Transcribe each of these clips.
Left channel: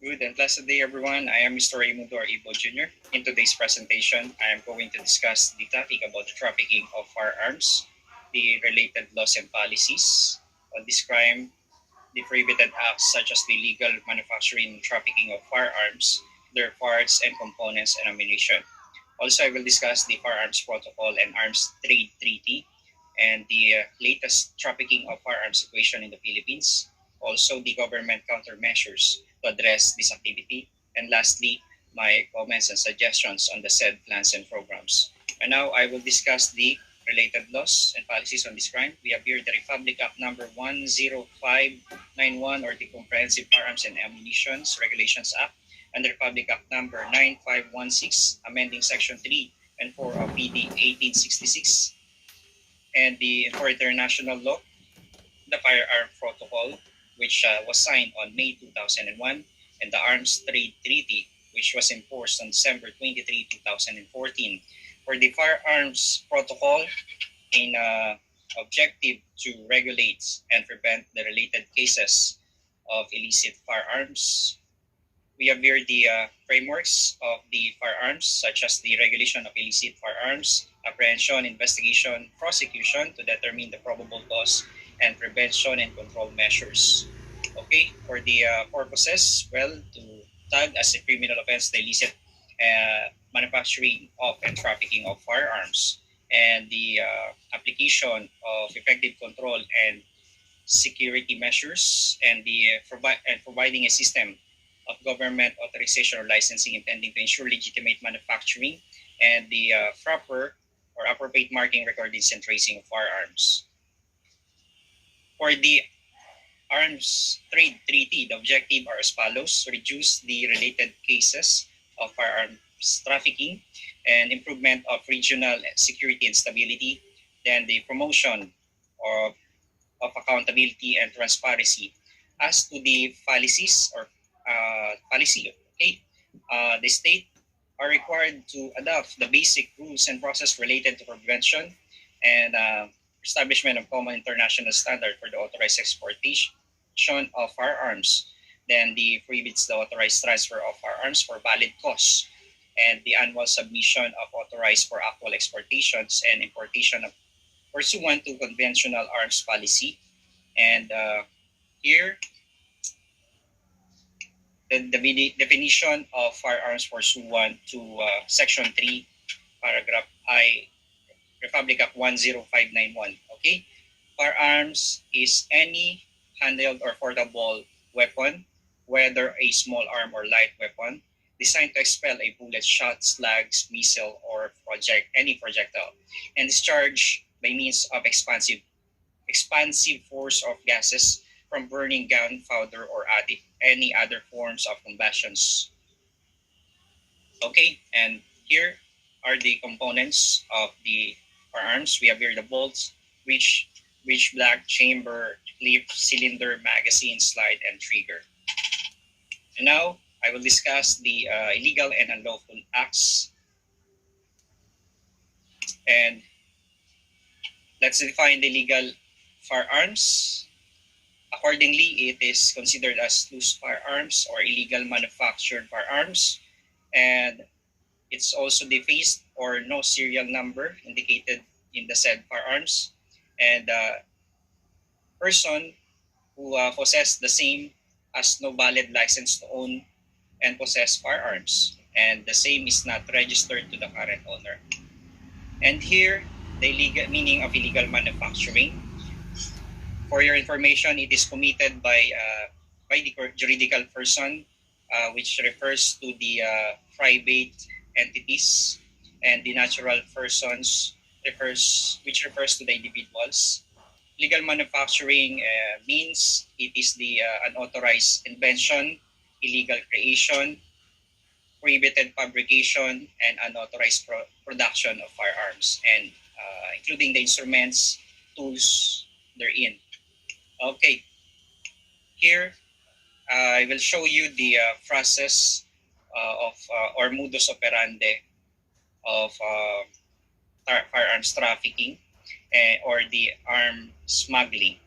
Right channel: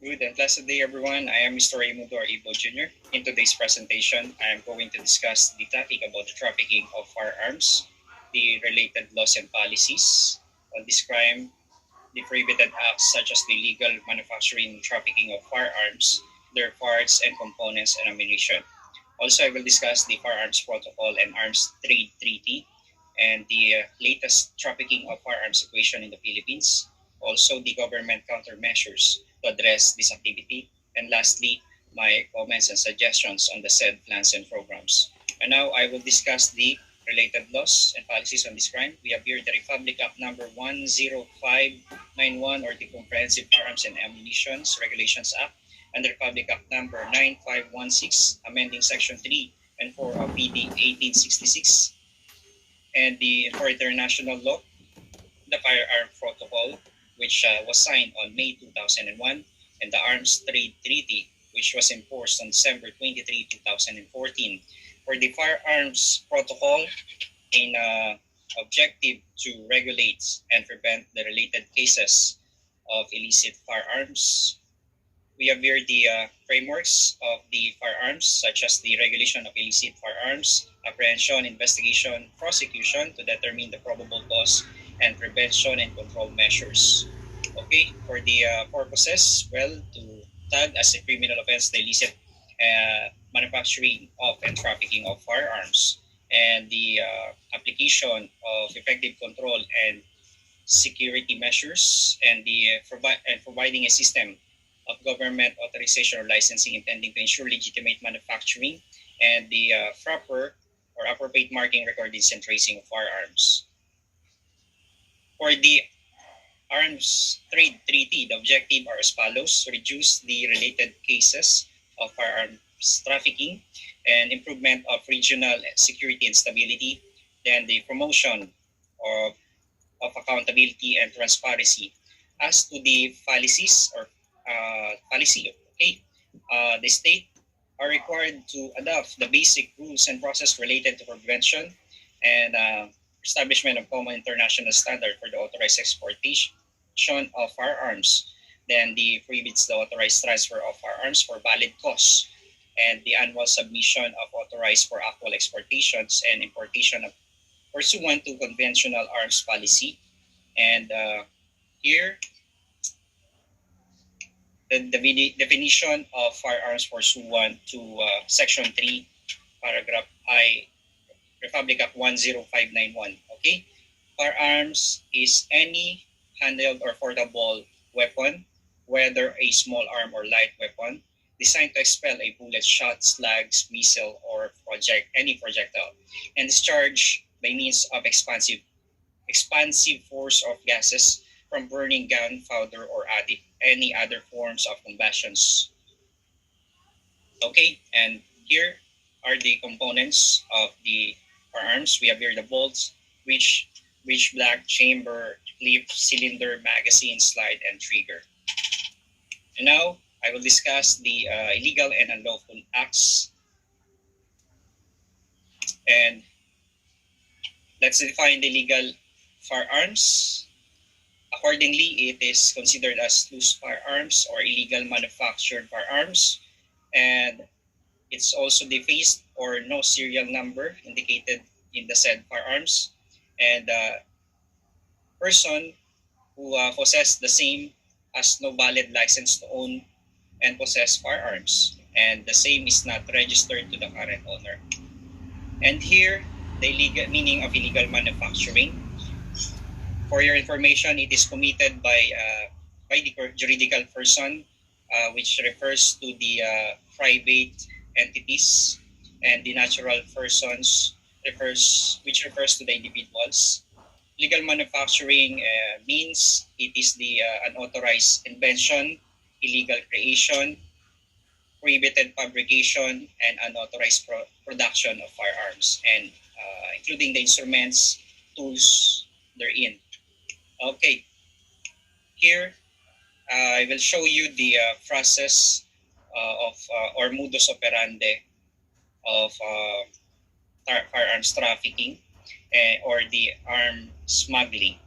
Good and blessed day, everyone. I am Mr. Raimundo Ibo Jr. In today's presentation, I am going to discuss the topic about the trafficking of firearms, the related laws and policies on this crime, the prohibited acts such as the illegal manufacturing and trafficking of firearms, their parts and components and ammunition. Also, I will discuss the Firearms Protocol and Arms Trade Treaty and the latest trafficking of firearms situation in the Philippines. Also, the government countermeasures to address this activity. And lastly, my comments and suggestions on the said plans and programs. And now I will discuss the related laws and policies on this crime. We have here the Republic Act number 10591, or the Comprehensive Firearms and Ammunitions Regulations Act, and the Republic Act number 9516, amending Section 3 and 4 of PD 1866, and for international law, the Firearm Protocol, which was signed on May 2001, and the Arms Trade Treaty, which was enforced on December 23, 2014. For the Firearms Protocol, in objective to regulate and prevent the related cases of illicit firearms, we have here the frameworks of the firearms, such as the regulation of illicit firearms, apprehension, investigation, prosecution to determine the probable cause, and prevention and control measures. Okay, for the purposes, well, to tag as a criminal offense the illicit manufacturing of and trafficking of firearms, and the application of effective control and security measures, and providing a system of government authorization or licensing intending to ensure legitimate manufacturing, and the proper or appropriate marking, recordings, and tracing of firearms. For the Arms Trade Treaty, the objective are as follows: reduce the related cases of firearms trafficking and improvement of regional security and stability, then the promotion of accountability and transparency. As to the policies or policy, okay, the state are required to adopt the basic rules and process related to prevention and establishment of common international standard for the authorized exportation of firearms. Then the prohibits the authorized transfer of firearms for valid cause, and the annual submission of authorized for actual exportations and importation of pursuant to conventional arms policy. And here, the definition of firearms pursuant to Section 3, Paragraph I, Republic Act 10591. Okay? Firearms is any handheld or portable weapon, whether a small arm or light weapon, designed to expel a bullet, shot, slugs, missile, or any projectile, and discharged by means of expansive force of gases from burning gunpowder or any other forms of combustions. Okay, and here are the components of the firearms. We have here the bolts, which black, chamber, clip, cylinder, magazine, slide, and trigger. And now I will discuss the illegal and unlawful acts. And let's define the legal firearms. Accordingly, it is considered as loose firearms or illegal manufactured firearms, and it's also defaced or no serial number indicated in the said firearms, and person who possess the same has no valid license to own and possess firearms, and the same is not registered to the current owner. And here, the legal meaning of illegal manufacturing. For your information, it is committed by the juridical person, which refers to the private entities, and the natural persons which refers to the individuals. Legal manufacturing means it is the unauthorized invention, illegal creation, prohibited fabrication, and unauthorized production of firearms, and including the instruments, tools therein. Okay, here I will show you the process of or modus operandi of firearms trafficking or the arm smuggling.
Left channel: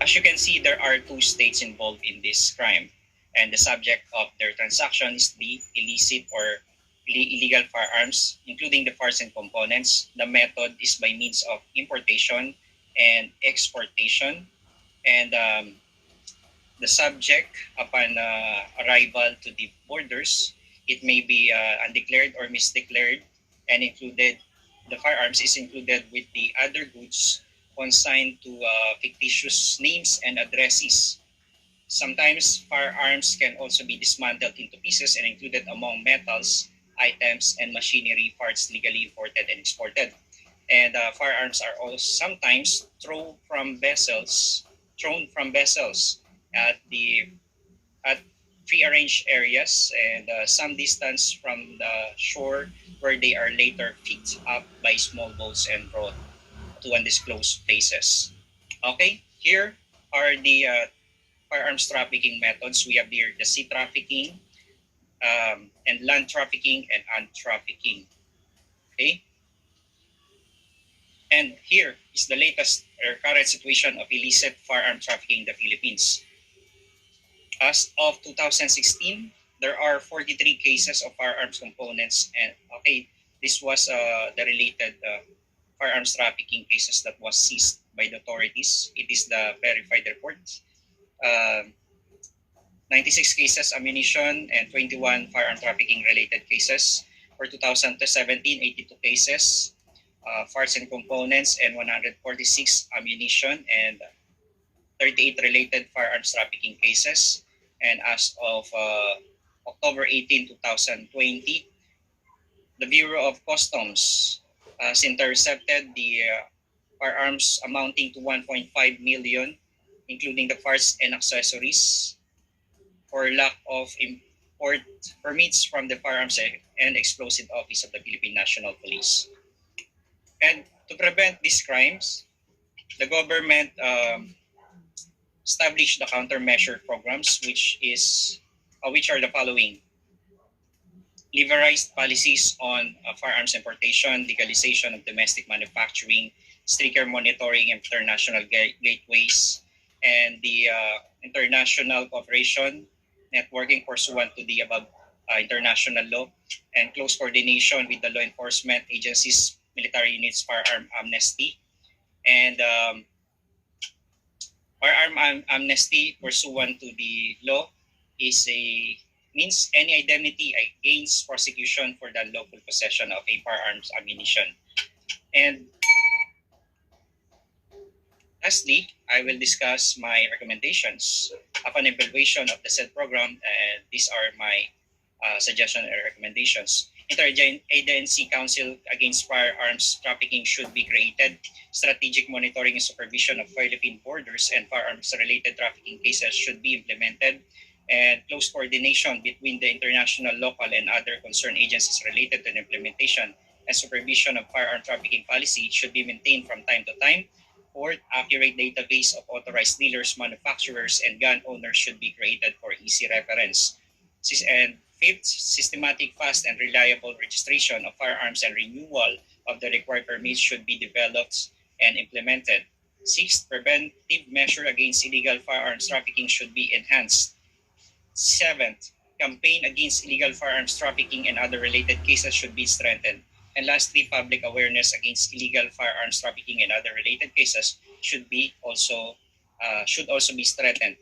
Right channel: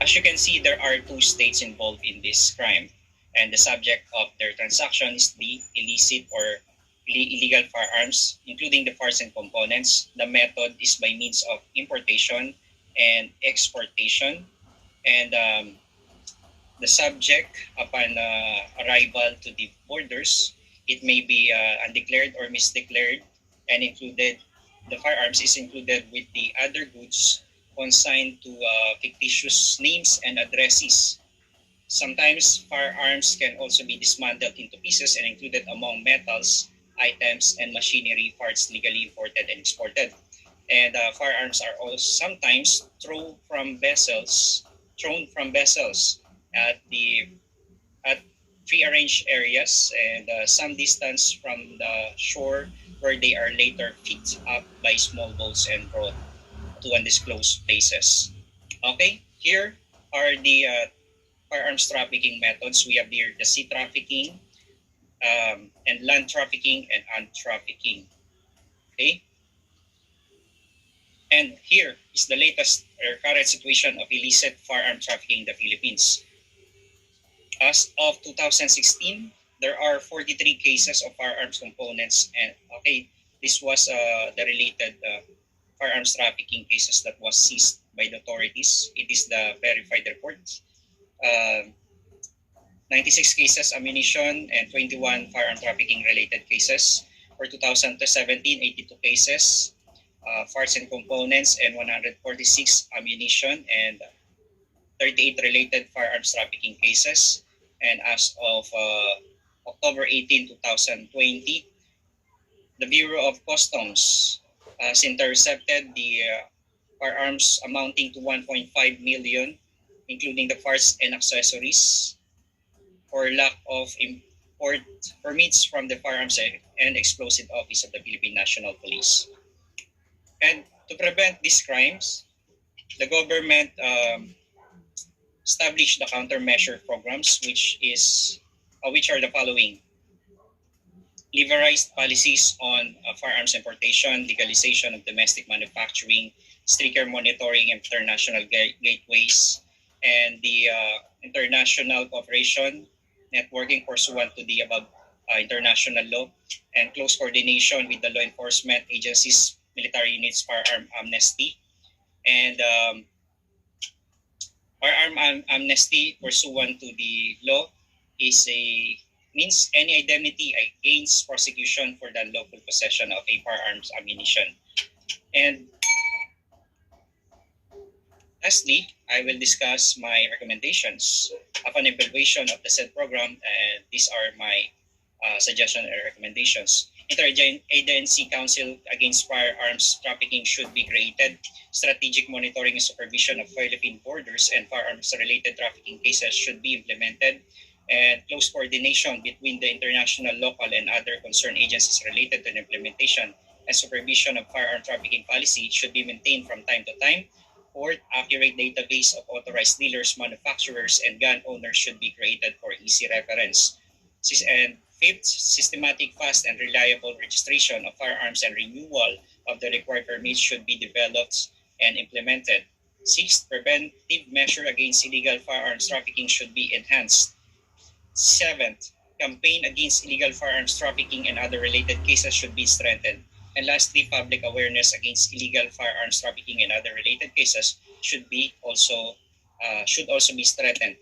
As you can see, there are two states involved in this crime, and the subject of their transaction is the illicit or illegal firearms, including the parts and components. The method is by means of importation and exportation, and the subject, upon arrival to the borders, it may be undeclared or misdeclared, and included the firearms is included with the other goods consigned to fictitious names and addresses. Sometimes firearms can also be dismantled into pieces and included among metals, items, and machinery parts legally imported and exported. And firearms are also sometimes thrown from vessels at the at prearranged areas and some distance from the shore, where they are later picked up by small boats and brought to undisclosed places. Okay, here are the firearms trafficking methods. We have here the sea trafficking, and land trafficking and ant trafficking. Okay, and here is the latest or current situation of illicit firearm trafficking in the Philippines. As of 2016, there are 43 cases of firearms components, and okay, this was the related firearms trafficking cases that was seized by the authorities. It is the verified report. Uh, 96 cases ammunition and 21 firearm trafficking related cases. For 2017, 82 cases, parts and components, and 146 ammunition and 38 related firearms trafficking cases. And as of October 18, 2020, the Bureau of Customs has intercepted the firearms amounting to 1.5 million, including the parts and accessories, for lack of import permits from the Firearms and Explosive Office of the Philippine National Police. And to prevent these crimes, the government established the countermeasure programs, which are the following: liberalized policies on firearms importation, legalization of domestic manufacturing, stricter monitoring of international gateways, and the international cooperation networking pursuant to the above international law, and close coordination with the law enforcement agencies, military units, firearm amnesty, and firearm amnesty pursuant to the law is a means any indemnity against prosecution for the unlawful possession of a firearms ammunition. And lastly, I will discuss my recommendations upon evaluation of the said program, and these are my suggestions and recommendations. Interagency Council Against Firearms Trafficking should be created. Strategic monitoring and supervision of Philippine borders and firearms-related trafficking cases should be implemented, and close coordination between the international, local, and other concerned agencies related to the implementation and supervision of firearm trafficking policy should be maintained from time to time. Fourth, accurate database of authorized dealers, manufacturers, and gun owners should be created for easy reference. And fifth, systematic, fast, and reliable registration of firearms and renewal of the required permits should be developed and implemented. Sixth, preventive measure against illegal firearms trafficking should be enhanced. Seventh, campaign against illegal firearms trafficking and other related cases should be strengthened. And lastly, public awareness against illegal firearms trafficking and other related cases should also be strengthened.